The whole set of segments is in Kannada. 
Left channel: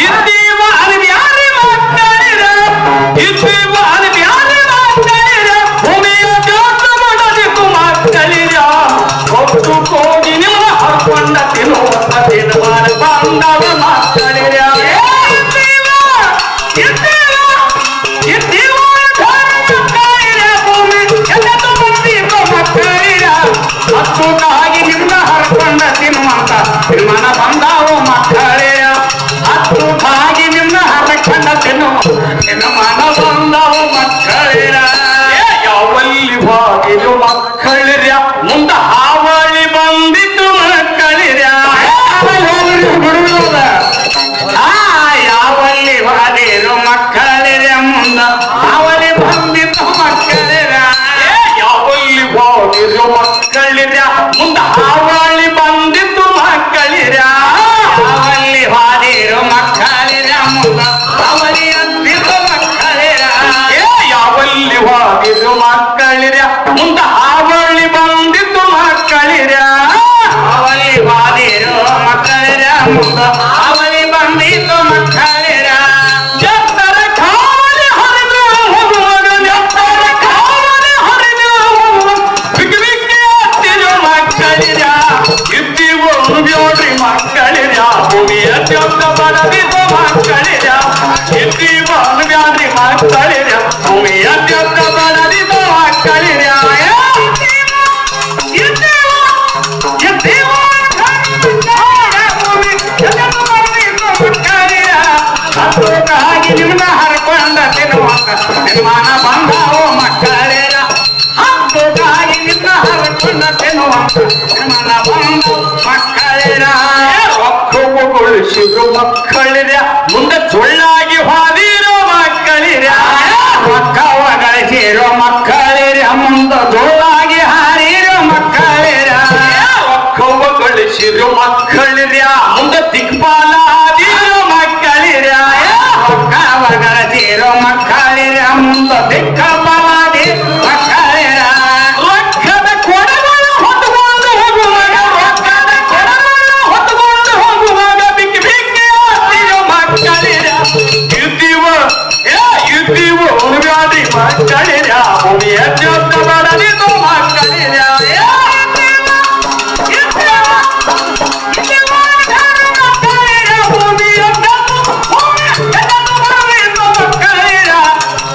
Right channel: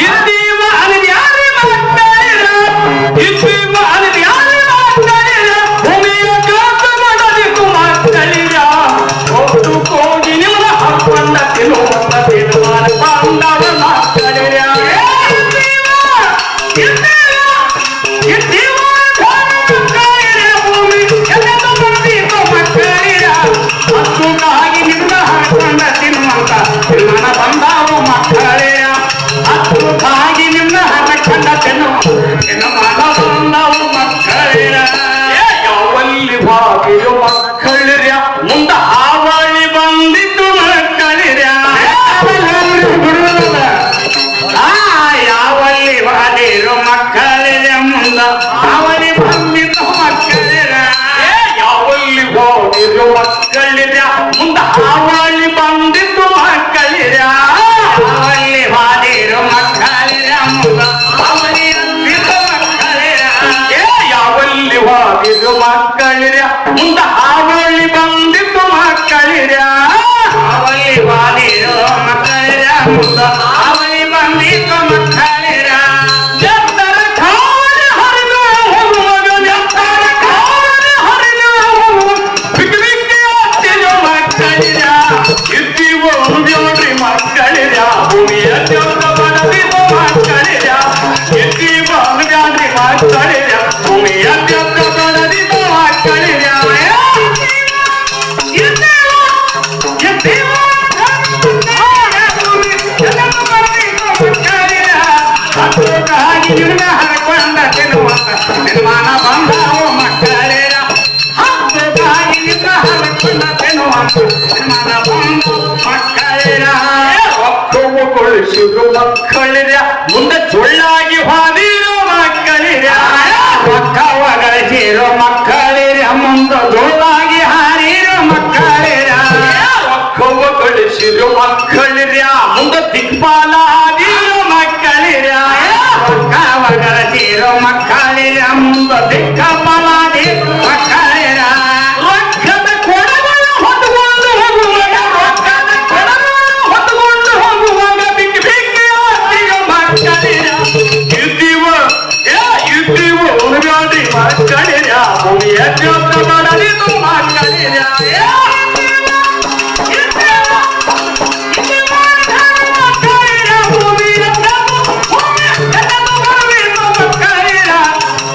ಇದ್ದೀವ ಅನ್ಬ್ಯಾರಿ ಮಕ್ಕಳಿರ ಇದ್ದೀವ ಅನ್ಬ್ಯಾರಿ ಮಕ್ಕಳಿರ ಭೂಮಿಯ ಕಾಟ ಮಾಡಬೇಕು ಮಕ್ಕಳಿರ ಹೊತ್ತು ಹೋಗಿ ನಿಮ್ಮ ಹಕ್ಕಂಡ ತಿನ್ನುವ ತಿನ್ನುವ ಬಾಂಧವ ಮಕ್ಕಳಿರ ಇದ್ದೀವ ಮಕ್ಕಳಿರ ಭೂಮಿ ಎಲ್ಲದು ಬಂದೀವ ಮಕ್ಕಳಿರ ಹಕ್ಕುಗಾಗಿ ನಿಮ್ಮ ಹಕ್ಕಂಡ ತಿನ್ನುವಂತ ನಿರ್ಮಾಣ ಬಂದಾವ ಮಕ್ಕಳಿರ ಹಕ್ಕುಗಾಗಿ ನಿಮ್ಮ ಹಕ್ಕಂಡ ನಿರ್ಮಾಣ ಬಂದಾವ ಮಕ್ಕಳಿರ ಯಾವಲ್ಲಿ ಬಾಗಿಲು ಮಕ್ಕಳಿರ ಮುಂದ ಹಾವಳಿ ಬಂದಿದ್ದು ಮಕ್ಕಳಿರ ಯಾವಲ್ಲಿ ಬಾಗಿಲು ಮಕ್ಕಳಿರ ಮುಂದ ಹಾವಳಿ ಬಂದಿದ್ದು ಮಕ್ಕಳಿರ ಯಾವಲ್ಲಿ ಬಾಗಿಲು ಮಕ್ಕಳಿರ ಮುಂದ ಹಾವಳಿ ಬಂದಿದ್ದು ಮಕ್ಕಳಿರ ಯಾವಲ್ಲಿ ಬಾಗಿಲು ಮಕ್ಕಳಿರ ಮುಂದ ಹಾವಳಿ ಬಂದಿದ್ದು ಮಕ್ಕಳಿರ ಯಾವಲ್ಲಿ ಬಾಗಿಲು ಮಕ್ಕಳಿರ ಮುಂದ ಹಾವಳಿ ಬಂದಿದ್ದು ಮಕ್ಕಳಿರ ಅವಳಿ ಬಾದಿರು ಮಕ್ಕಳಿರ ಮುಂದ ಅವಳಿ ಬಂದಿದ್ದು ಮಕ್ಕಳಿರ ಜತ್ತರ ಕಾಲ ಹರಿದು ಹೋಗುವಾಗ ಜತ್ತರ ಕಾಲ ಹರಿದು ಹೋಗುವಾಗ ಬಿಕ್ಕಿ ಬಿಕ್ಕಿ ಹತ್ತಿರು ಮಕ್ಕಳಿರ ಇದ್ದೀವು ಬ್ಯೋಡ್ರಿ ಮಕ್ಕಳಿರ ಭೂಮಿಯ ಜಬ್ದ ಬಡವಿದು ಮಕ್ಕಳಿರ ಇದ್ದೀವು ಬ್ಯಾಡ್ರಿ ಮಕ್ಕಳಿರ ಭೂಮಿಯ ಜಬ್ದ ಬಡವಿದು ಮಕ್ಕಳಿರ ನಿಮ್ಮ ಹರಕೊಂಡ ತಿನ್ನುವಂತ ನಿರ್ಮಾಣ ಬಂದಾವ ಮಕ್ಕಳಿರ ಹಕ್ಕುಗಾಗಿ ನಿಮ್ಮ ಹರಕೊಂಡ ತಿನ್ನುವಂತ ನಿರ್ಮಾಣ ಬಂದು ಮಕ್ಕಳಿರ ಒಕ್ಕುಗೊಳಿಸಿದ್ರು ಮಕ್ಕಳಿರ ಮುಂದೆ ಸುಳ್ಳಾಗಿ ಹಾದಿರೋ ಮಕ್ಕಳಿರ ಒಕ್ಕವ ಗಳಿಸಿರೋ ಮಕ್ಕಳಿರ ಮುಂದೆ ಸುಳ್ಳಾಗಿ ಹಾರಿರೋ ಮಕ್ಕಳಿರ ಒಕ್ಕುಗೊಳಿಸಿದ್ರು ಮಕ್ಕಳಿರ ಮುಂದೆ ದಿಕ್ಪಾಲ ಹಾದಿರೋ ಮಕ್ಕಳಿರ ಒಕ್ಕವ ಗಳಿಸಿರೋ ಮಕ್ಕಳಿರ ಮುಂದೆ ದಿಕ್ಕಪಾಲಾದಿ ಮಕ್ಕಳಿರ ರೊಕ್ಕದ ಕೊಡಗಳು ಹೊತ್ತುಕೊಂಡು ಹೋಗುವಾಗ ರೊಕ್ಕದ ಕೊಡಗಳು ಹೊತ್ತುಕೊಂಡು ಹೋಗುವಾಗ ಬಿಕ್ಕಿ ಬಿಕ್ಕಿ ಹತ್ತಿರೋ ಮಕ್ಕಳಿರ ಇದ್ದೀವ ಉರುಗಾಡಿ ಮಕ್ಕಳಿರ ಭೂಮಿಯ ಜಬ್ದ ಬಡಲಿದು ಮಕ್ಕಳಿರ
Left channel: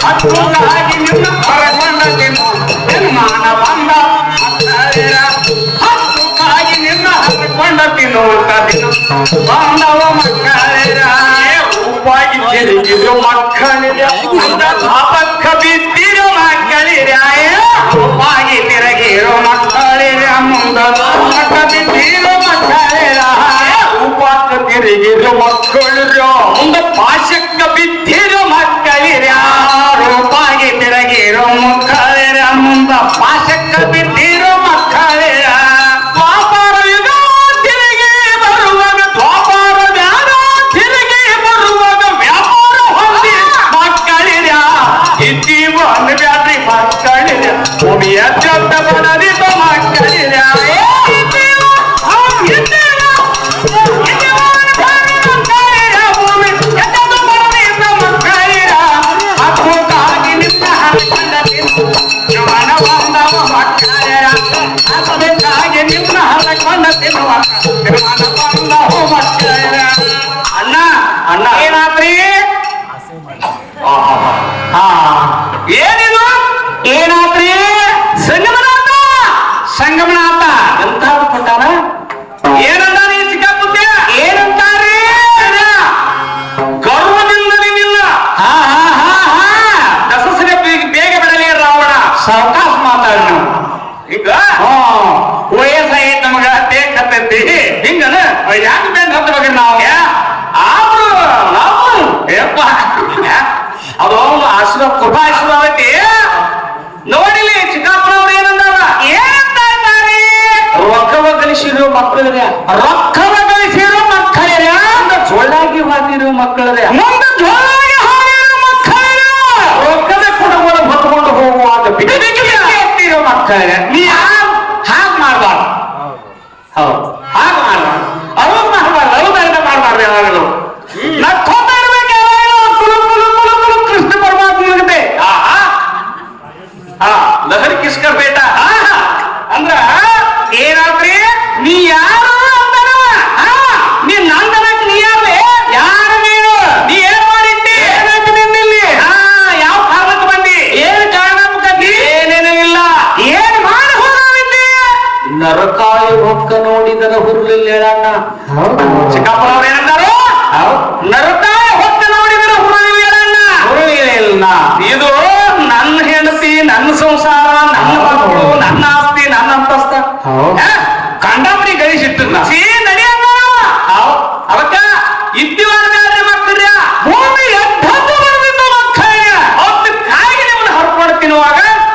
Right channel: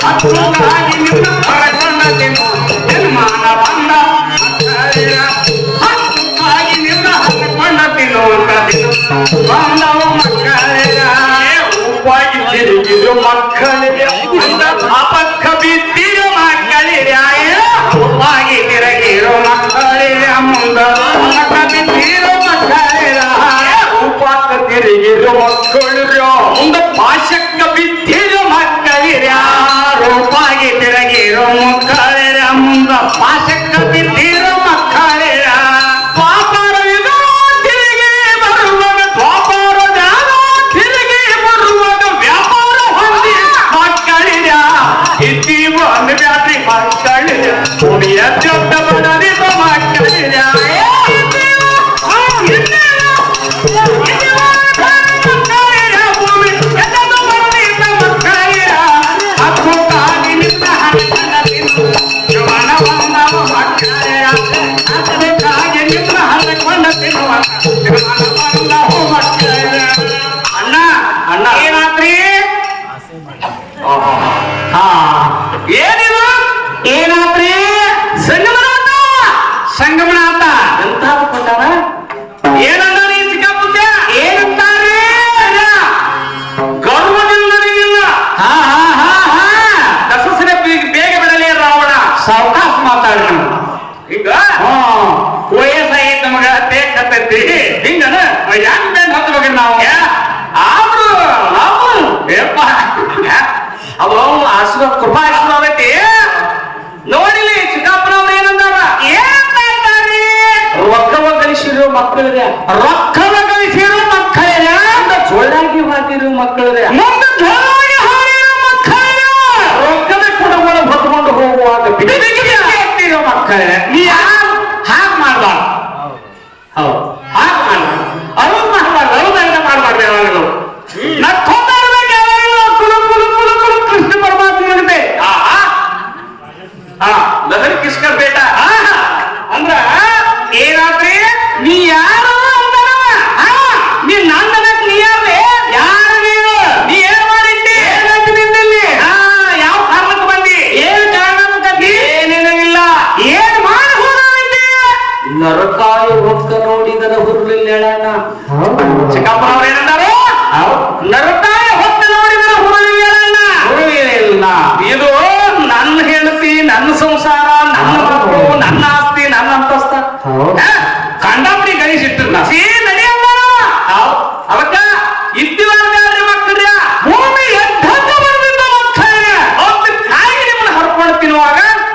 ಹಕ್ಕುಗಾಗಿ ನಿಮ್ಮ ಹರಕೊಂಡ ನಿರ್ಮಾಣ ಬಂದ ಮಕ್ಕಳಿರ ಹಕ್ಕುಗಾಗಿ ನಿಮ್ಮ ಹರಕೊಂಡ ತಿನ್ನುವಂತ ಬಾಂಧವ ಮಕ್ಕಳಿರ ರೂಪಾಗಿ ತಿರುಗಿದ್ರು ಮಕ್ಕಳಿರ ಅಂದ ಪಾಪಕ್ಕ ಬಿದ್ದಿರೋ ಮಕ್ಕಳಿರ ರೂಪಾಗಿ ತಿರುಗಿರೋ ಮಕ್ಕಳಿರ ಮುಂದ ಪಾಪಕ್ಕ ಬಿದ್ದಿರೋ ಮಕ್ಕಳಿರ ರೂಪಕ್ಕ ತಿರುಗಿರೋ ಮಕ್ಕಳಿರ ಮುಂದ ಪಾಶಕ್ಕ ಬಿದ್ದಿರೋ ಮಕ್ಕಳಿರ ರೂಪಾಗಿ ತಿರುಗಿರೋ ಮಕ್ಕಳಿರ ಮುಂದ ಪಾಶಕ್ಕ ಬಿದ್ದಿರೋ ಮಕ್ಕಳಿರ ದ್ವಾಪರವಿದ ತಿರುಗಿ ಬರುವಾಗ ದ್ವಾಪರದ ತಿರುಗಿ ಬರುವಾಗ ವ್ಯಾಪಾರ ಹೊಂದಿ ಮಕ್ಕಳಿರ ಇದ್ದೀವ ಬ್ಯಾಡ್ರಿ ಮಕ್ಕಳಿರ ಭೂಮಿಯ ಜಬ್ದ ಬಡದಿದ್ದ ಮಕ್ಕಳಿರ ಅಣ್ಣ ಅಣ್ಣ ಏನಾದ್ರಿ ಏನಿದು ಏನಾದ್ರಿ ಸಂಗಮನಾಥ ಸಂಗಮನಾಥ ಎಂತ ಬಿಟ್ಟಾರ ಏನಂದಾರಿ ಚಿಕ್ಕಪ್ಪುತ್ತ ಏನಂತಾರಿ ಗರ್ವದಿಂದ ನಿನ್ನ ದಸಸನೆ ಬೇಗ ಬರಲಿ ರಾವಣ ಸಾವಕಾಶ ಮಾತಾಡಿ ಈಗ ವಯಸ್ಸಾಗಿ ನಮಗ ತೇಗ್ತೈತಿ ಹಿಂಗನ ಯಾಕೆ ಬೇಗ ಹತ್ತಬೇಕು ನಾವು ಆದ್ರೂ ನಾವು ಯಪ್ಪ ಅದು ಆಶೀರ್ವಾದ ಕೃಪಾ ಆಶೀರ್ವಾದ ಐತಿ ನೋಡಿಲಿ ಚಿಕ್ಕಪ್ಪನವ್ರು ಏನಂದಾರ ಏನಂತ ಇದ್ದಾರೆ ರೊಕ್ಕವ ಗಳಿಸಿರೋ ಮಕ್ಕಳರ ರೊಕ್ಕವ ಗಳಿಸಿರೋ ಮಕ್ಕಳರ ಅಂತ ಜೋಳಾಗಿ ಹಾದಿರೋ ಮಕ್ಕಳರ ಮುಂದೆ ಜೋಳಾಗಿ ಹಾದಿರೋ ಮಕ್ಕಳರ ರೊಕ್ಕದ ಕುಡಗೋಳ ಹೊತ್ಕೊಂಡು ಹೋಗುವಾಗ ಬಿಟ್ಟಿರೋ ಮಕ್ಕಳರ ನೀ ಯಾರು ಹಾಗೆ ಮಾಡಬಾರ್ದು ಹೌದು ಹಾಗೆ ಮಾಡಬಾರ್ದು ಅವಾಗ ಮಾಡಬಾರ್ದು ಅವಾಗ ಮಾಡಬಾರ್ದು ಯಾವಾಗಲೂ ನಕ್ಕೊಂಡು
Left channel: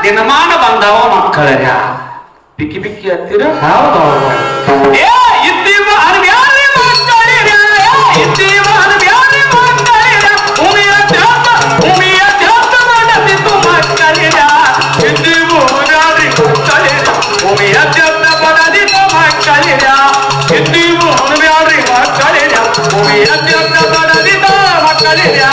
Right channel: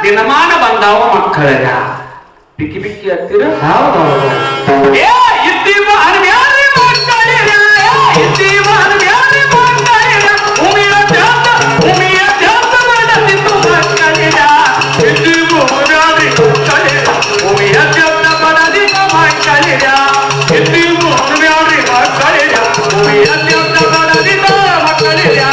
ದಿನಮಾನ ಬಂದಾವ ಮಕ್ಕಳ ಬಿಕ್ಕಿ ಬಿಕ್ಕಿ ಹತ್ತಿರ ಹೌದೌದು ಇದ್ದೀವ ಅನ್ಯಾರಿ ಮಕ್ಕಳಿರ ಇದ್ದೀವ ಅನ್ಯಾರಿ ಮಕ್ಕಳಿರ ಭೂಮಿಯ ಧ್ಯಾನ ಬಡದಿದ್ದು ಮಕ್ಕಳಿರ ಇದ್ದೀವ ಅನ್ಯಾರಿ ಮಕ್ಕಳಿರ ಭೂಮಿಯ ಧ್ಯಾನ ಬಡದಿದ್ದು ಮಕ್ಕಳಿರ ಇದ್ದೀವ ಅನ್ಯಾರಿ ಮಕ್ಕಳಿರ ಭೂಮಿಯ ಧ್ಯಾನ ಬಡದಿದ್ದು ಮಕ್ಕಳಿರ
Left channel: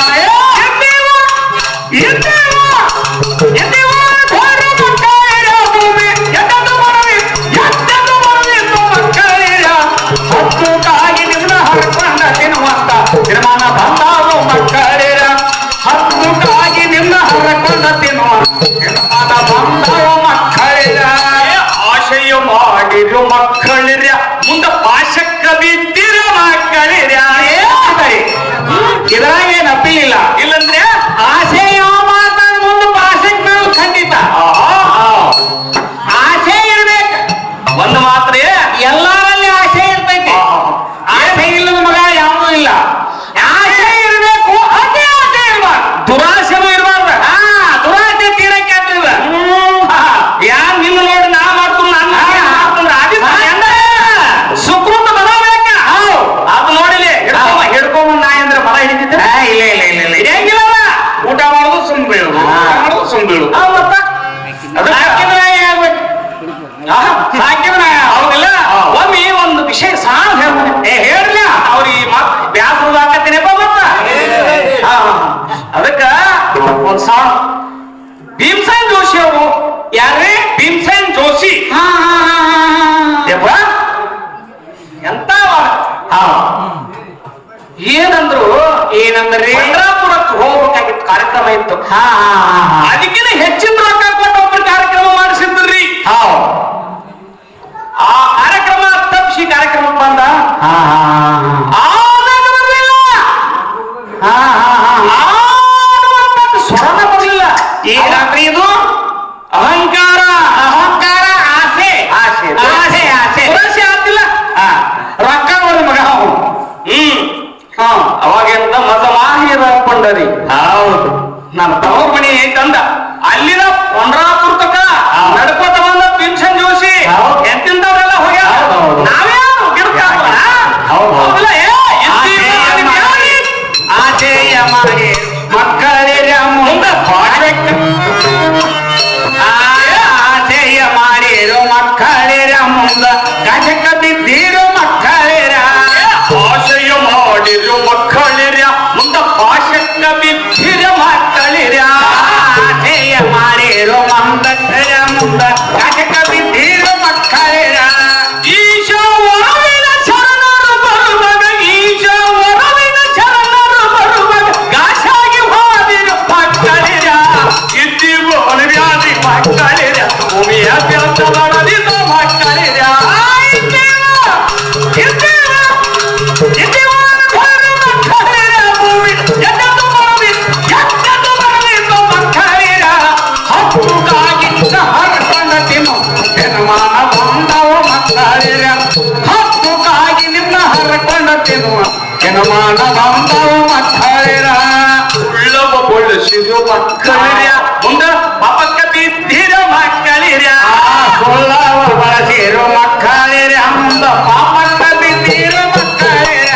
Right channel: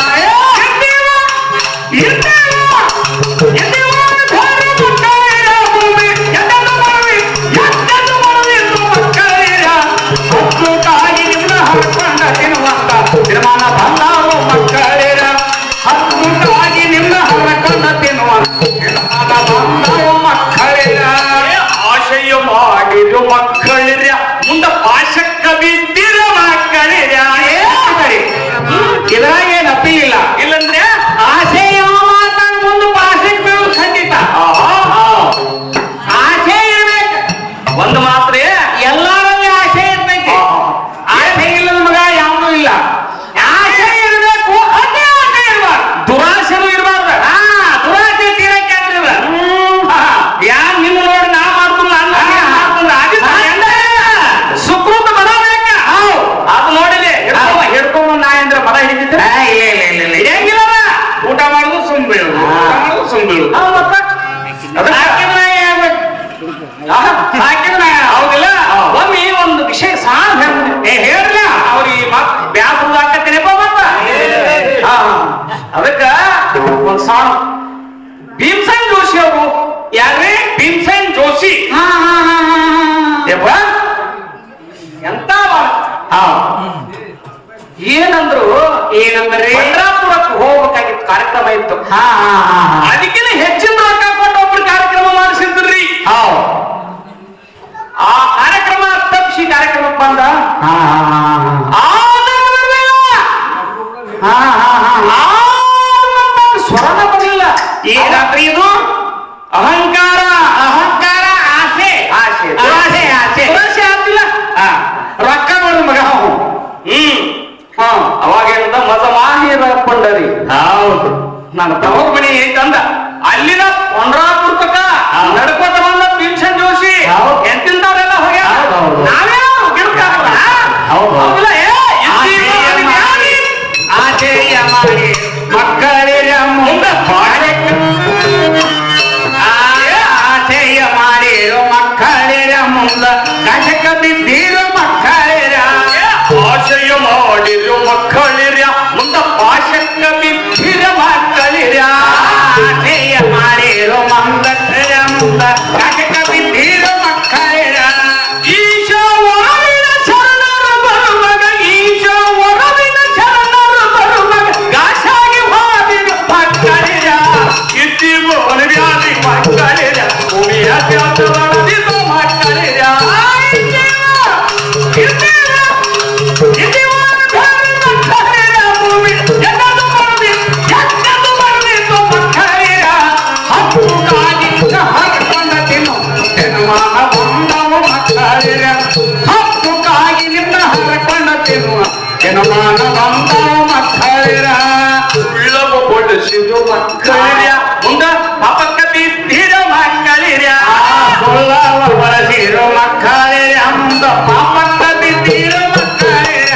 ಆಶಯ ಮಾಡಿರು ಮಕ್ಕಳಿರ ಮುಂದೆ ಪಾಶಕ್ಕ ಬಿದ್ದಿರ ಮಕ್ಕಳಿರ ಇದ್ರಾಗ ಏನ್ ಅಪ್ಪಿಲ್ಲ ಇಲ್ಲಂದ್ರೆ ಆಸೆ ಮುಂದೆ ಪಾಶಕ್ ಬೀಳು ಖಂಡಿತ ಆಸೆ ಇರ್ಬೇಕು ಒಂದು ಮಾತ್ರ ಎಲ್ಲರಲ್ಲಿ ಆಸೆ ಇರ್ತೈತಿ ಆಸೆ ಇಲ್ಲದ ಮಗ ಯಾವುದು ಇಲ್ಲ ಆಸೆ ಇರಬೇಕು ಅದೇ ಆಸೆ ಇರ್ಬಾರ್ದು ದುರಾಸೆನೂ ಇರಬಾರ್ದು ದುರಾಸೆ ತೀರಕ್ಕೆ ಆಗ್ತದ ಯಾನ್ ನಿನ್ನ ನೋಡಿ ನಾ ಮಾಡ್ತೀನಿ ಸುಕೃತ ಮದ ಬೇಕ ಅದು ನೋಡಿಲಿ ಹಿಡ್ಕೊಂಬಂದ ನಾ ಅಂದ್ರೆ ಮದ ಹಿಡಿತಿದ್ದೆ ಇಲ್ಲ ಇಲ್ಲ ಇಲ್ಲ ಇಲ್ಲ ಹೆಂಗಿಲ್ಲ ಊಟ ಮಾಡೋದು ಸುಮ್ ಬೀಳುದು ಮಾಡೋದು ಸುಮ್ ಬೀಳುದು ಹೌದಿಲ್ಲ ಒಮ್ಮೆ ಒಂದು ವಿಷಯ ಸಾಲ ಹೇಳ್ಬೋದು ಹೇಳ್ರಿ ಅವ್ರಿಗೆ ಮತ್ ಬ್ಯಾಸರು ಹಾಕತ್ತೇನೆಪ್ಪ ಮತ್ತ ಅದಕ್ಕ ಒಂದ್ ಸಾಣ ಭೀಮಸೇನ್ ಜೋಶಿ ಅವರು ಯಾರೇ ಭೀಮಸೇನ್ ಜೋಶಿ ಎಂತ ಏನಂದ್ರೆ ಚಂದ್ರಾಪುರಕ್ಕೆ ಹೋಗ್ಬೇಕಾಗಿತ್ತು ಕಾರ್ಯಕ್ರಮ ಇತ್ತು ಅದಕ್ಕಿಂತ ಹೆಚ್ಚಿನ ರೊಕ್ಕ ಕೊಟ್ಟು ಒಬ್ಬರು ಕಾರ್ಯಕ್ರಮ ಮಾಡಿಸಿದ್ರಿ ಆ ಕಾರ್ಯಕ್ರಮ ತಪ್ಪಿಸಿ ಕಾರ್ಯಕ್ರಮಕ್ಕೆ ಬಂದ ಸ್ವರ್ಣ ಬರಲಿಲ್ಲ ಏನಾದ್ರಿ ಇದು ಅಹಂಕಾರ ಅಹಂಕಾರ ಆಸೆ ಆಸೆ ಆಸೆ ಆಸೆ ಆಸೆ ಆಗ್ತಿಲ್ಲ ರೊಕ್ಕ ನೋಡಿ ಮಗ ಅವಾಗೆಲ್ಲ ಮಜ ಮಾಹಿರ ಕೊಂಡರಿ ಹೌದು ನನ್ನ ತವರ್ ಮನಿ ಐತಂದ ಅಲ್ಲಿನ ಪಂಡ್ರಾಪುರ ತಕ ನಡ್ಕೋತ ಬಂದ ಭೀಮಸೇನ್ ಜೋಶಿ ಎಂತಿಂದವರೆಲ್ಲ ಹೋಗ್ಯಾರ ನಾವೇ ಆಚೆಯ ಮಾಡಿ ಮಕ್ಕಳಿರ ಮುಂದೆ ಆಚೆಯ ಮಾಡಿರೋ ಮಕ್ಕಳಿರ ಮುಂದ ಕಟಕ ಬಿದ್ದಿರೋ ಮಕ್ಕಳಿರ ಆಶಯ ಮಾಡಿರೋ ಮಕ್ಕಳಿರ ಮುಂದ ಪಾಶಕ್ಕ ಬಿದ್ದಿರ ಮಕ್ಕಳಿರ ಆಶಯ ಮಾಡಿರೋ ಮಂದಕ್ಕಳ ಮುಂದ ಕಟಕ ಬಿದ್ದಿರೋ ಮಕ್ಕಳಿರ ಈಶ ವರವಿನ ಶರಣರು ಬರುವಾಗ ಈಶ ವರವಿನ ಶರಣರು ಬರುವಾಗ ಗಾಶಾಗಿ ಹೋದಿರು ಮಕ್ಕಳಿರ ಇದ್ದೀವು ಅನುವ್ಯಾಧಿ ಮಕ್ಕಳಿರ ಭೂಮಿಯ ವ್ಯಾಪ್ತ ಬರದಿದ್ದು ಮಕ್ಕಳಿರ ಮಕ್ಕಳಿರ ಮುಂದ ಪಾಪಕ್ಕ ಬಿದ್ದಿರ ಮಕ್ಕಳಿರ ಬಳಸಿರೋ ಮಕ್ಕಳಿರ ಮುಂದ ಪಾಪಕ್ಕ ಬಿದ್ದಿರೋ ಮಕ್ಕಳಿರ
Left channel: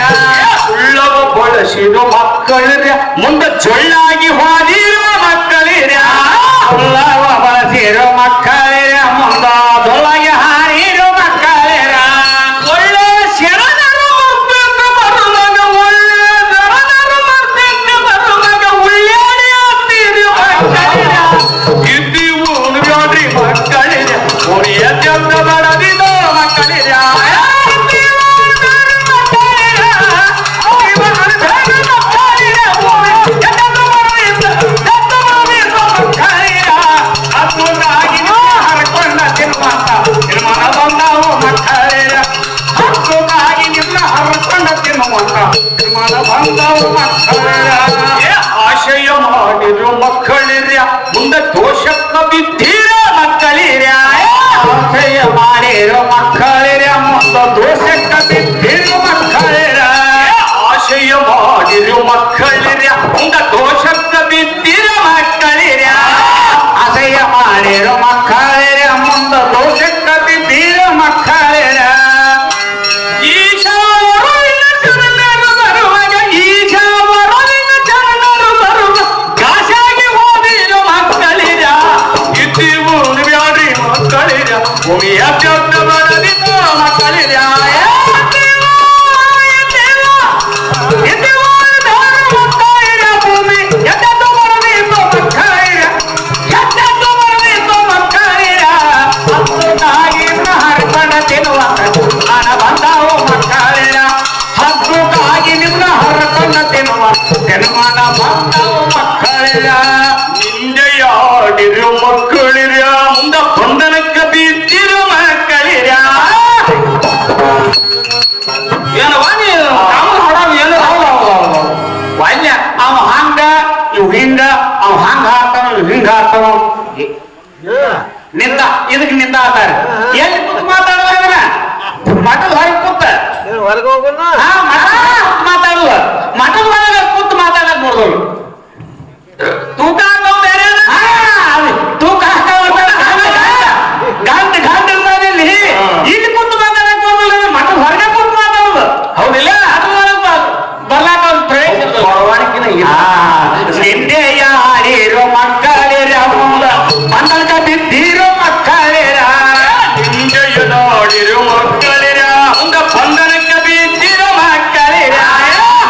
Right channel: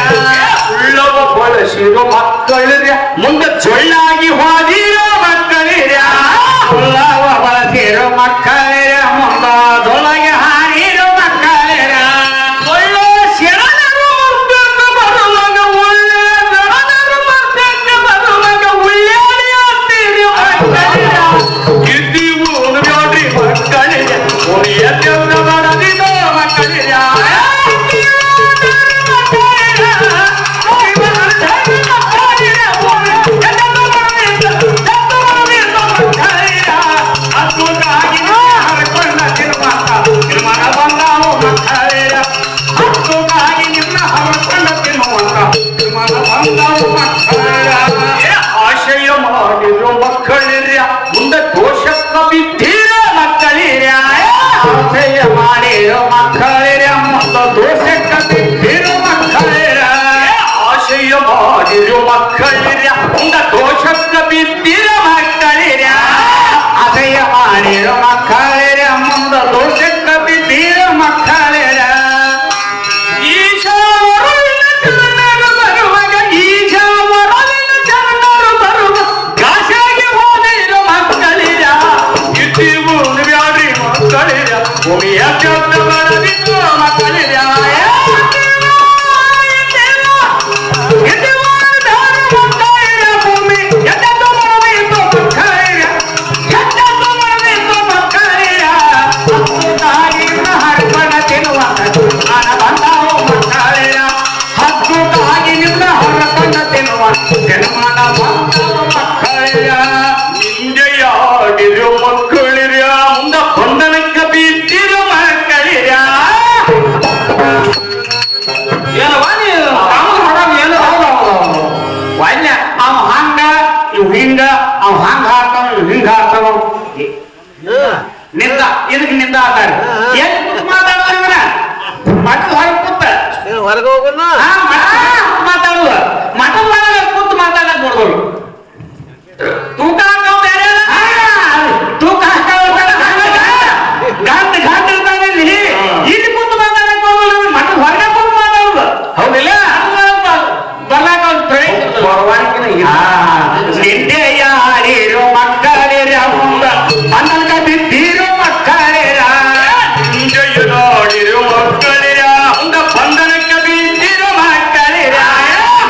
ಉಳ್ಳವ ಬಳಸಿರೋ ಮಕ್ಕಳಿರ ಮುಂದ ಚೊಳ್ಳಾಗಿ ಹೋದಿರೋ ಮಕ್ಕಳಿರ ಉಳ್ಳವ ಬಳಸಿರೋ ಮಕ್ಕಳಿರ ಮುಂದ ದೊಳಗೆ ಹಾರಿರೋ ಮಕ್ಕಳಿರ ಒಳ್ಳೆ ಶರಣರು ಮರ್ಬೇಕು ಬರುವಾಗ ಒಳ್ಳೆ ಶರಣರು ಮರ್ಬೇಕು ಬರುವಾಗ ಉಳ್ಳಾಡಿ ಮಕ್ಕಳಿರ ಇದ್ದೀವು ನೋಡ್ರಿ ಮಕ್ಕಳಿರ ಉಳಿಯ ದೇವ್ರ ಬಡದಿದ ಮಕ್ಕಳಿರ ಹರಕೊಂಡ ನಿರ್ಮಾಣ ಬಂದಾವ ಮಕ್ಕಳಿರ ಹಕ್ಕೋಗಾಗಿ ನಿನ್ನ ಹರಕೊಂಡ ತಿನ್ನುವಂತ ನಿರ್ಮಾಣ ಬಂದಾವ ಮಕ್ಕಳಿರ ಆಶಯ ಮಾಡಿರೋ ಮಕ್ಕಳಿರ ಮುಂದೆ ದೋಷಕ್ಕ ಬಿದ್ದೀರ ಮಕ್ಕಳಿರ ಆಶಯ ಮಾಡಿರೋ ಮಕ್ಕಳಿರ ಮುಂದೆ ದೋಷಕ್ಕ ಬಿದ್ದೀರೋ ಮಕ್ಕಳಿರ ಆಶಯ ಮಾಡಿರೋ ಮಕ್ಕಳಿರ ಮುಂದೆ ದೋಷಕ್ಕ ಬಿದ್ದೀರ ಮಕ್ಕಳಿರ ಆಶಯ ಮಾಡಿರೋ ಇವ್ ಹಿಂಗ ಅವ್ ಹಂಗ ಹಾಕ್ತಾವ ಇವ್ ಹಿಂಗ ಹಾಕ್ತಾವ ನಿಂದ ಇದಕ್ ನಿಂದ ಆತಾರ ಎಲ್ಲಿ ಕೂತ್ ಮಾತಾಡೋದ್ರ ಮಠದ ಹೊರಗೆ ಕೂತ ಹೊರಗೆ ಹೋಗೋಣ ಮಾತಾಡುವ ಮಠದ ಒಳಗೆ ಕೂತ್ ಮಾತಾಡಕ್ ನೋಡ್ಬೋದು ತೂಕ ಹಾಕವ್ ಬೇರೆ ತೂಕ ಹಾಕವ್ ಗಾಂಟ್ ಗಾಂಟ್ ಇರ್ತಾನೆ ಇಲ್ಲಿ ಕೂತ್ ಮಾತಾಡಕ್ ಹೋಗಲ್ಲ ಮಠದ ಹೊರಗೆ ಕೂತ್ ಮಾತಾಡುದು ಹೌದಿಲ್ಲ ಬರ್ಲಾಕ ಅವ್ರ ಪ್ರವೇಶ ನಿಂದೆ ಯಾರಿರೋ ಮಕ್ಕಳಿರ ಬಂದಲ್ಕ ಬಿದ್ದಿರೋ ಮಕ್ಕಳಿರ ನಿಂದೆಯ ನೋಡಿರೋ ಮಕ್ಕಳಿರ ಹಂಗ ಬಂಧನಕ್ಕೆ ಬಿದ್ದಿರೋ ಮಕ್ಕಳಿರ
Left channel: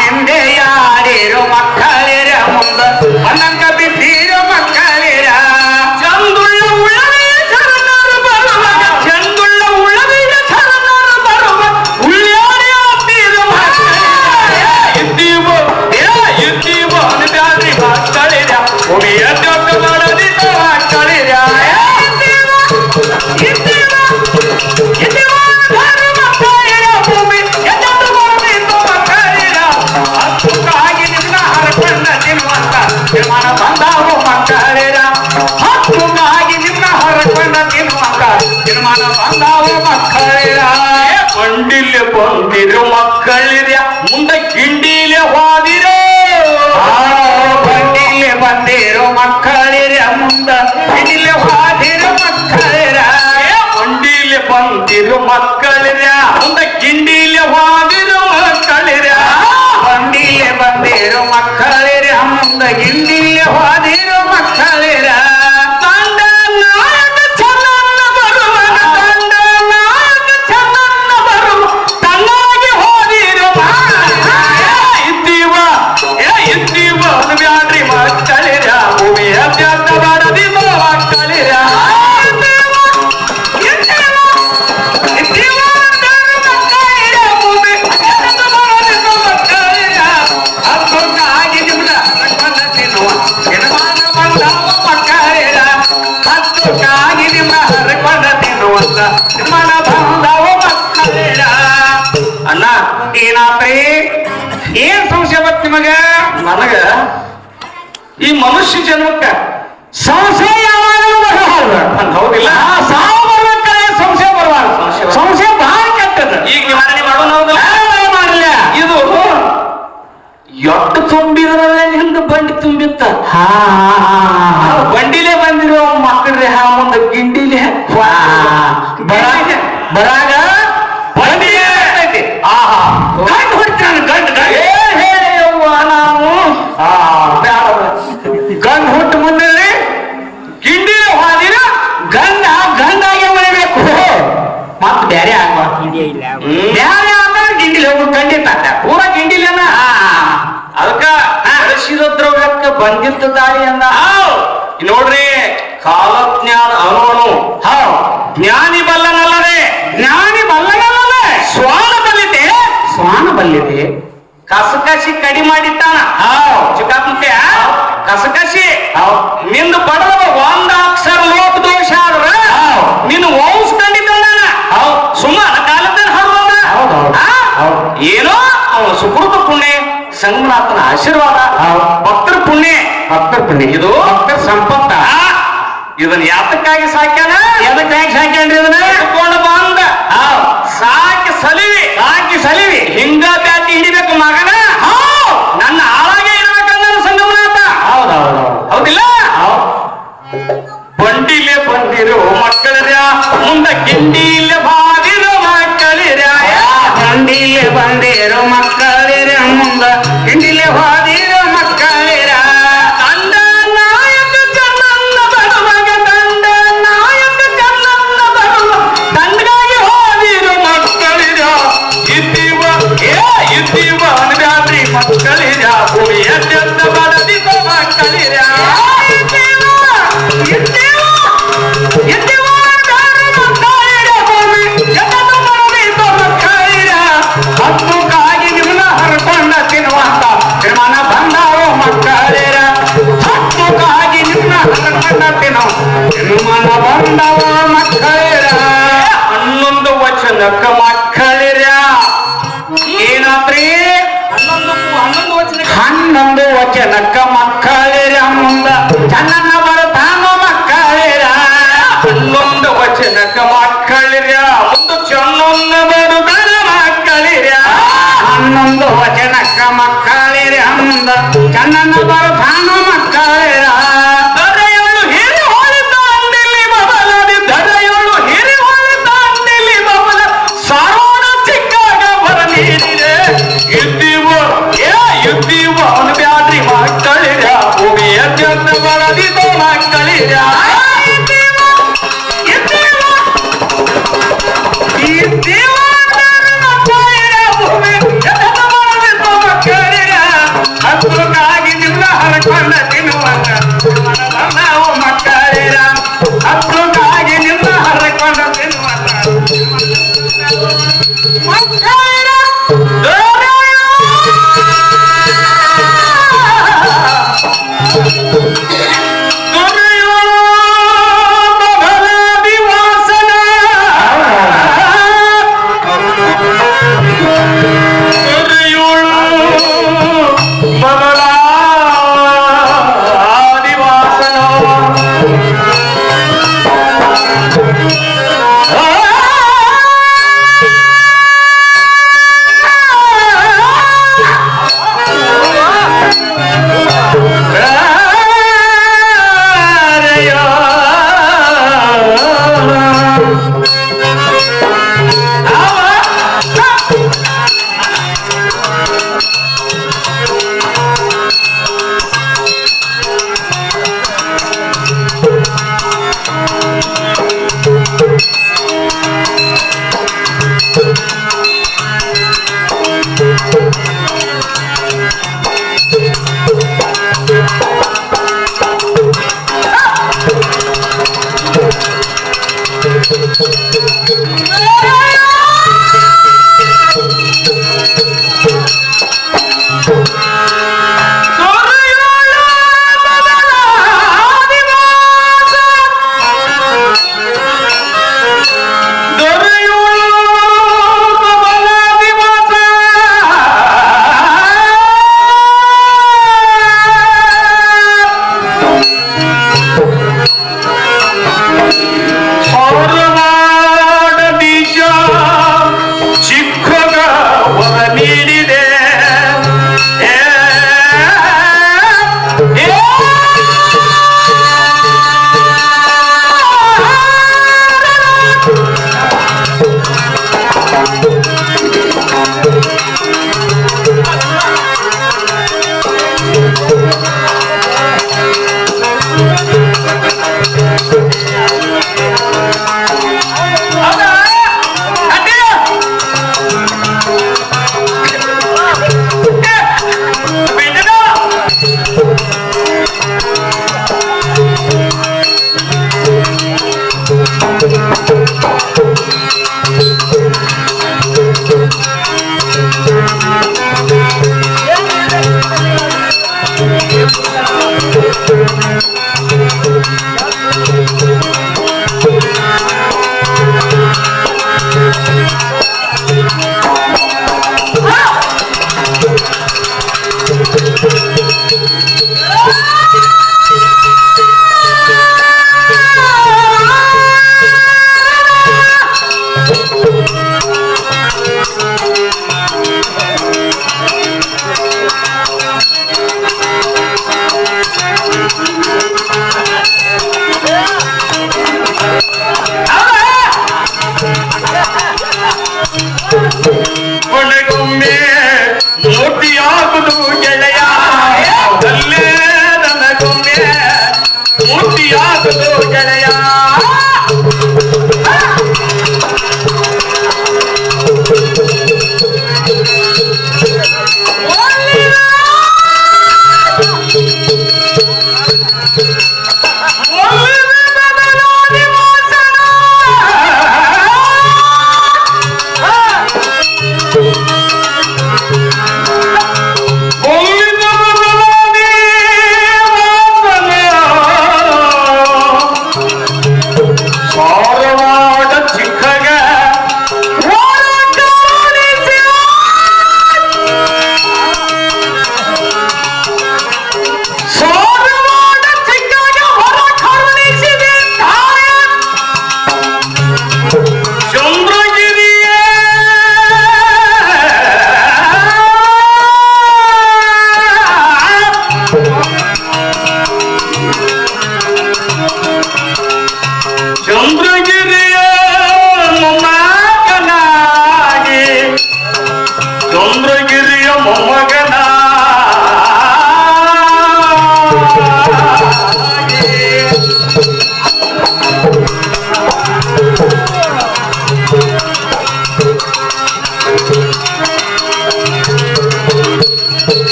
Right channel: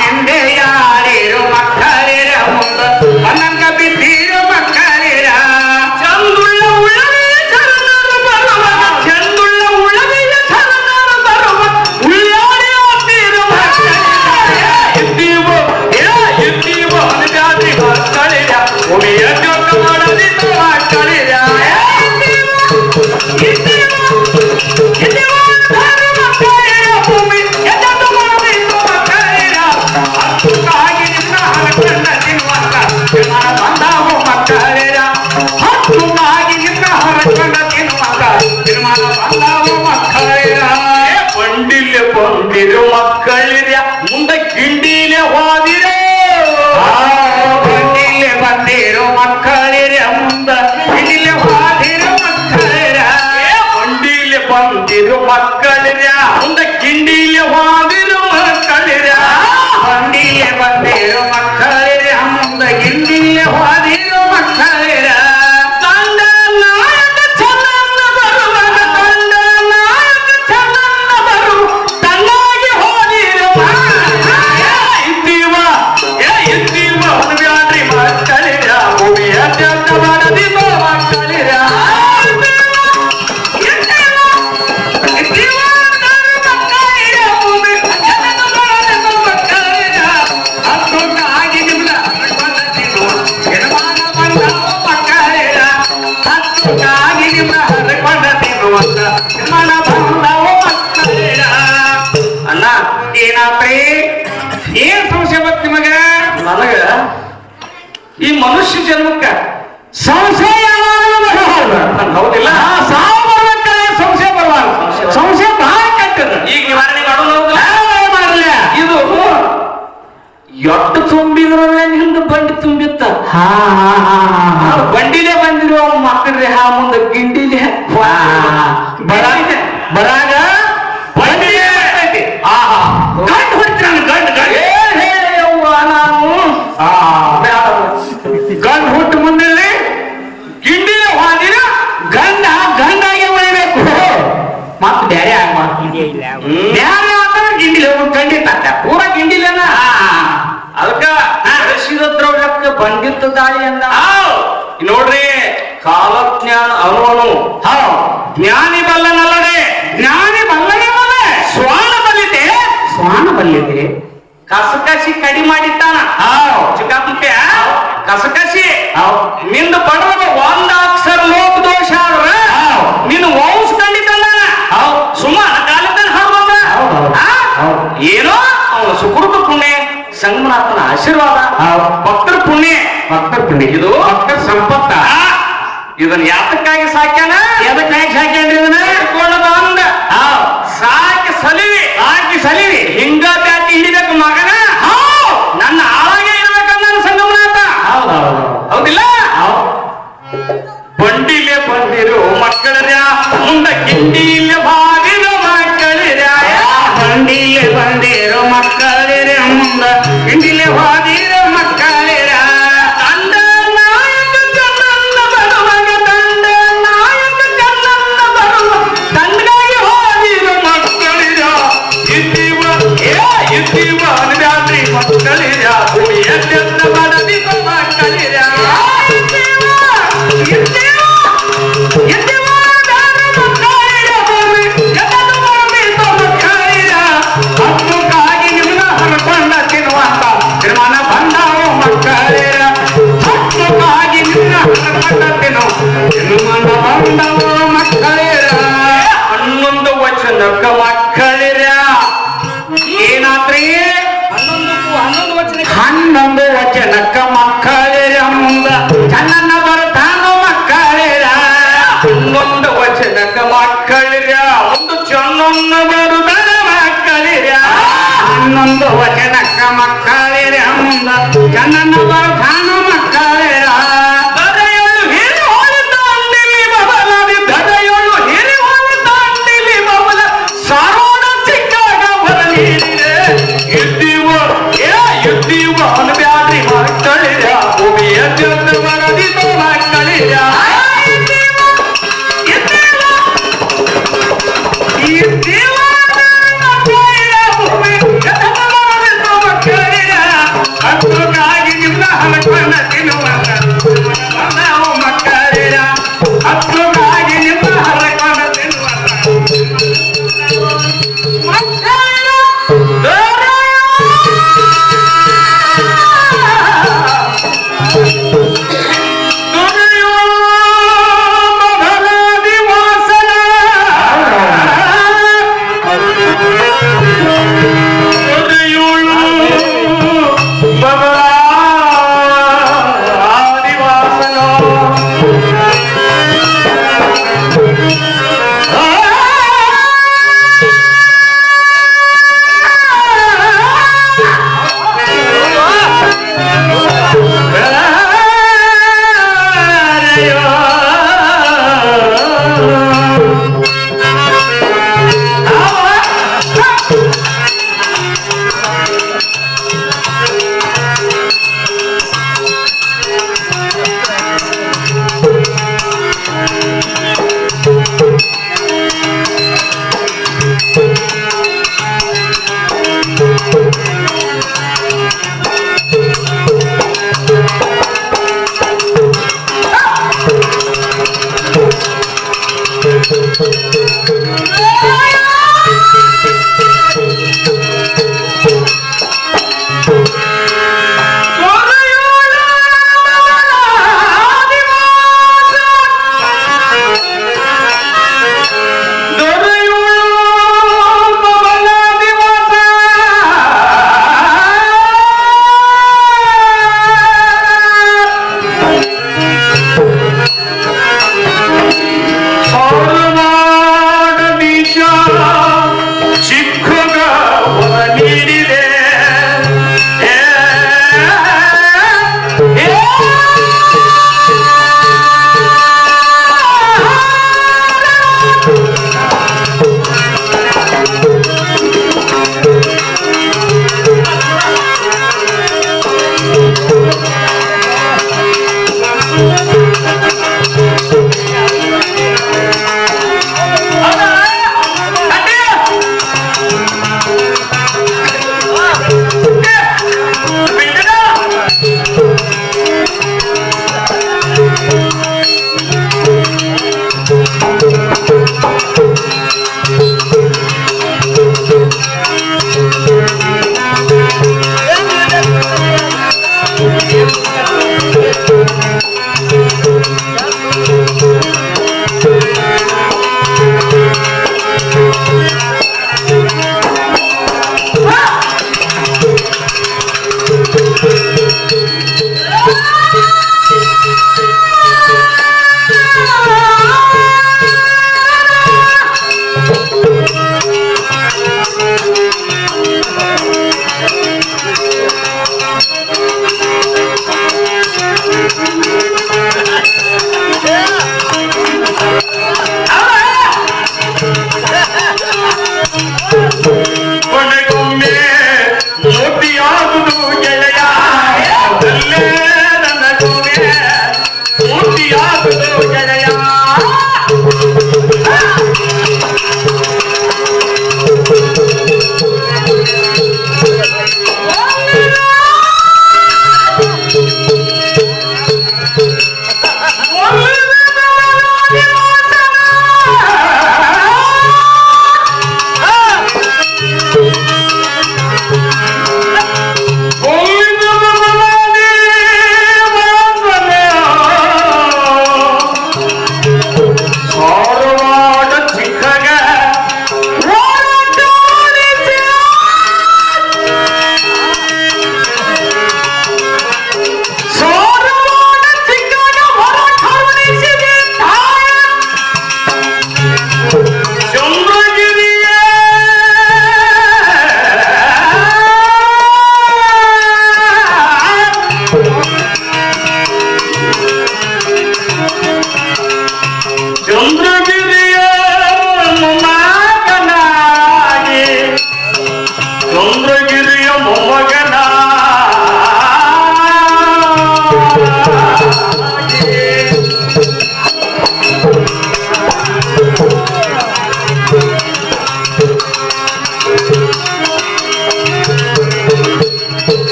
ನಿಂದೆ ಯಾರಿರೋ ಮಕ್ಕಳಿರ ಬಂಧನಕ ಬಿದ್ದಿರೋ ಮಕ್ಕಳಿರ ಚಂದುಳ್ಳ ಉಳ್ಳವೇ ಶರಣರು ಬರುವಾಗ ಚಂದುಳ್ಳ ಉಳ್ಳವೇ ಶರಣರು ಬರುವ ಉಳ್ಳಾಡಿ ಹೋಗ್ತಿರೋ ಮಕ್ಕಳಿರ ಇದ್ದೀವ ಅನುದಾನಿ ಮಕ್ಕಳಿರ ಉಳಿಯ ಜೊಕ್ಕ ಮಾಡದಿದ್ದ ಮಕ್ಕಳಿರ ಹಕ್ಕುಗಾಗಿ ನಿನ್ನ ಹರಕೊಂಡ ತಿನ್ನುವಂತ ನಿರ್ಮಾಣ ಬಂದಾವ ಮಕ್ಕಳಿರ ಹಕ್ಕುಗಾಗಿ ನಿನ್ನ ಹರಕೊಂಡ ತಿನ್ನುವಂತ ನಿರ್ಮಾಣ ಬಂದಾವ ಮಕ್ಕಳಿರ ಬಂಡಿಲೆ ಬಂದಿರು ಮಕ್ಕಳಿರ ಮುಂದೆ ಗಿಂಡಿಲೆ ಹೋದಿರೋ ಬಂಡಿಲೆ ಬಂದಿರೋ ಮಕ್ಕಳಿರ ಮುಂದೆ ಗಿಂಡಿಲೆ ಹೋದಿರೋ ಮಕ್ಕಳಿರ ಬಂಡಿಲೆ ಬಂದಿರೋ ಮಕ್ಕಳಿರ ಮುಂದೆ ಗಿಂಡಿಲೆ ಹೋದಿರೋ ಮಕ್ಕಳಿರ ಬಂಡಿಲೆ ಬಂದಿರೋ ಮಕ್ಕಳಿರ ಮುಂದೆ ಗಿಂಡಿಲೆ ಹೋದಿರೋ ಮಕ್ಕಳಿರ ತಂಡ ನಾಯಕ ಚಂದನ್ನ ಬರುವಾಗ ತಂಡ ನಾಯಕ ಚಂದನ್ನ ಬರು ತನ್ನಾಗಿ ಹೋದಿರೋ ಇದ್ದೀವ ಅನುವ್ಯಾಡ್ರಿ ಮಕ್ಕಳಿರ ಭೂಮಿಯ ತ್ಯಾಗ ಮಾಡದಿರೋ ಮಕ್ಕಳಿರ ಅಣ್ಣ ಏನಾತ್ರಿ ಏನ್ ಸಂಶಯ ಬತ್ ನಿಮಗ ನನಗ ಈ ಮನುಷ್ಯ ಜನ್ಮಕ್ಕ ಸಂಶಯ ಯಾವಾಗಲೂ ಬರಬಾರ್ದು ಹೌದಿಲ್ಲ ಸಾವು ಬರ್ಬೇಕಾದ್ರೆ ಸಂಶಯ ಬರಬಾರ್ದು ಸಂಶಯ ಬಹಳ ಕೆಟ್ಟದ ಈಗ ನಿವಾರಣೆ ಮಾಡೋಣ ಮಾಡಲ್ಲ ಇದು ಎಟ್ಟು ತುಂಬಿದ್ರೆ ನಿಂದು ಬಂಡಿ ತುಂಬಿತ್ತ ಬಂಡಿಲೇ ಬಂದಿರೋ ಮಕ್ಕಳ್ರಿ ಮುಂದೆ ಗಿಂಡಿಲೆ ಬರಾಗ ಬಂಡಿ ಗಂಡು ಹೊಡ್ತಾನೆ ಗಂಡು ನಾವು ಗಂಡು ಹುಟ್ಟು ಮುಂದೆ ಗಿಂಡಿಲೆ ಹೋದಿರ ಗಂಡಾಗೆ ಮಾಡಬೇಕು ಮತ್ ಬ್ಯಾರೆ ಆಗುವ ಬ್ಯಾರೆ ಆದ್ರೆ ಗಿಂಡಿಲೆ ಹೋಗ್ಬೇಕು ಖಂಡಿತ ಪೂರ ಗಿಂಡಿಲೆನ ಅದಕ್ಕ ಹರಿಸಿದ ದ್ರವ್ಯಕ್ಕೆ ಬಂದಿದ್ದ ದಾರಿ ಅಂದ ನೋಡ್ರಿ ಕಾಲಜ್ಞಾನ ಅವನು ಜ್ಞಾನಿ ಬಲ್ಲನಲ್ಲದೆ ಜ್ಞಾನಿ ಬಲ್ಲನಲ್ಲದೆ ಶ್ವಾನ ಬಲ್ಲಿದೆ ಕಸಕಸಿ ಕಡಿ ಮಾಡಿಟ್ಟಾನ ಚಿಕ್ಕಾಪುಟ್ಯ ಕಸಕಸಿ ನಿಂದ ಪಡೆದ ಒಂದ ಅಕ್ಷರ ಲೋಕ ದೋಷ ಆದ್ರ ನಿನ್ನ ವಂಶ ಕಂಡಿದ್ದಲ್ಲ ಸುಮಾರ ಕಾಲದ ಏನೋ ಅವನ ಸುಕೃತ ಪುಣ್ಯ ಸಂಗನಾಥನ ಆಶೀರ್ವಾದ ಭಕ್ತರ ಪುಣ್ಯ ಇದು ಭಕ್ತರ ಸಂಪತ್ತ ಇದನ್ನ ಯಾತಕ್ಕಾಗಿ ಸಾಕ್ಯಾನ ಎದಕ್ಕಾಗಿ ಸಾಕ್ಯಾನ್ರಿ ಇದನ್ನ ಕೊಂಡು ಬಂದ ಸಾಕಿ ಸಲಿವಿ ಹಿಂಗ ಬ್ಯಾಟಿ ಹಿಡಿಬೇಕು ಮಗನ ನನ್ನ ಆಳಾಗೆ ಇರ್ಬೇಕಂದ ಸಂಗಮನಾಥ ಹೌದಿಲ್ಲ ಬಂಡಿಲೆ ಬಂದಿರೋ ಮಕ್ಕಳರ ಮುಂದೆ ಗಿಂಡಿಲೆ ಬಾಗಿರೋ ಮಕ್ಕಳಿರ ಬಂಡಿಲೆ ಬಂದಿರೋ ಮಕ್ಕಳಿರ ಮುಂದೆ ಗಿಂಡಿಲೆ ಬಾದಿರೋ ಮಕ್ಕಳಿರ ತಂಡ ನಾಯಕ ಚಂದನ್ನ ಬರುವಾಗ ತಂಡ ನಾಯಕ ಚಂದನ್ನ ಬರುವ ತಂಡಗಾಗಿ ಹೋದಿರೋ ಮಕ್ಕಳಿರ ಇದ್ದೀವ ಅನುವ್ಯಾದ್ರಿ ಮಕ್ಕಳಿರ ಭೂಮಿಯ ತ್ಯಾಗ ಮಾಡದಿರೋ ಮಕ್ಕಳಿರ ಹಕ್ಕುಗಾಗಿ ನಿನ್ನ ಹರಕೊಂಡ ತಿನ್ನುವಂತ ನಿರ್ಮಾಣ ಬಂದಾವ ಮಕ್ಕಳಿರ ಹಕ್ಕುಗಾಗಿ ನಿನ್ನ ಹರಕೊಂಡ ನಿರ್ಮಾಣ ಬಂದಾವ ಮಕ್ಕಳಿರ 11 ವಚನಕ್ಕ ಮಕ್ಕಳಿರ ಏನಾತ್ರಿ 11 ವಚನಕ್ಕ ಮಕ್ಕಳಿರ ಮುಂದ ವಚನಕ್ಕ ಮಕ್ಕಳಿರ ಮುಂದ ಚಂದನ ಬರಧಾನ ಮಕ್ಕಳಿರ ದರೆಯೊಳು ಹಿರಿ ಹೋಳಿತ ಅಂದಿಲ್ಲಿ ಬಬಲದಿ ದರೆಯೊಳು ಹಿರಿ ಹೋಳಿತ ಅಂದಿಲ್ಲಿ ಬಬಲ ಸಾರೋಣ ಚಿಕ್ಕಾಗ ಬರಲಿದೆ ಇದ್ದೀವೋ ಇದ್ದೀವೋ ಅನು ಬ್ಯಾಡ್ರಿ ಮಕ್ಕಳಿರ ಭೂಮಿಯ ಚಂದ ಬರದಿದ ಮಕ್ಕಳಿರ ಹಕ್ಕುಗಾಗಿ ನಿಮ್ಮ ಹರಕೊಂಡ ತಿನ್ನುವಂತ ನಾವು ಮಕ್ಕಳಿರ ಹಕ್ಕುಗಾಗಿ ನಿಮ್ಮ ಹರಕೊಂಡ ತಿನ್ನುವಂತ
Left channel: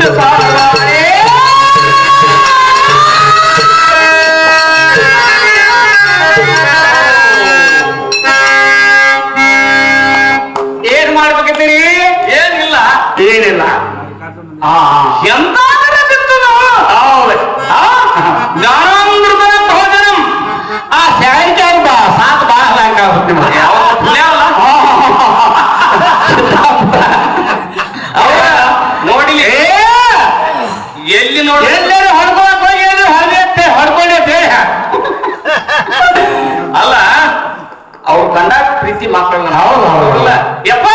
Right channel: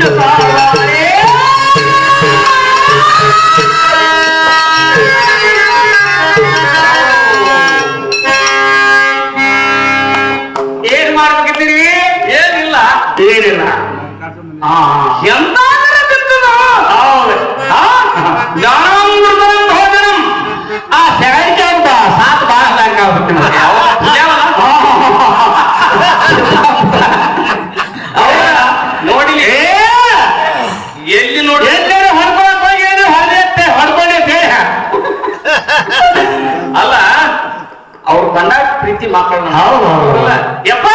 ಮುಂದೆ ಸಾಗಬಾರೇ. ಏನ್ ಮಾಡ್ಬೇಕತ್ತೀರಿ? ಏನಿಲ್ಲ ಏನಿಲ್ಲ. ಎಂತಾದರೆ ಬಿತ್ತದ? ಹೌದು. ಜ್ಞಾನಾಮೃತ ಭೋಜನಂ. ಆ ಶಾಂತಿ ಸಾಕು ಬಹಳ ಸಾಕು ಆಗುತ್ತೆ ನೋಡಿಲಿ. ಎಲ್ಲಿ ನೋಡಿ ಎಲ್ಲರೂ ಹೊಡ್ಕೊಳಕ್ ಹೋಗಿ ಹೊಡೆತ್ತೆ ಹೊಡ್ಕೊಂಡೆ ಅಲ್ಲ ಅವ್ರು ಕಂಡ ಪ್ರೀತಿ ಮಕ್ಕಳನ್ನ. ಯಪ್ಪ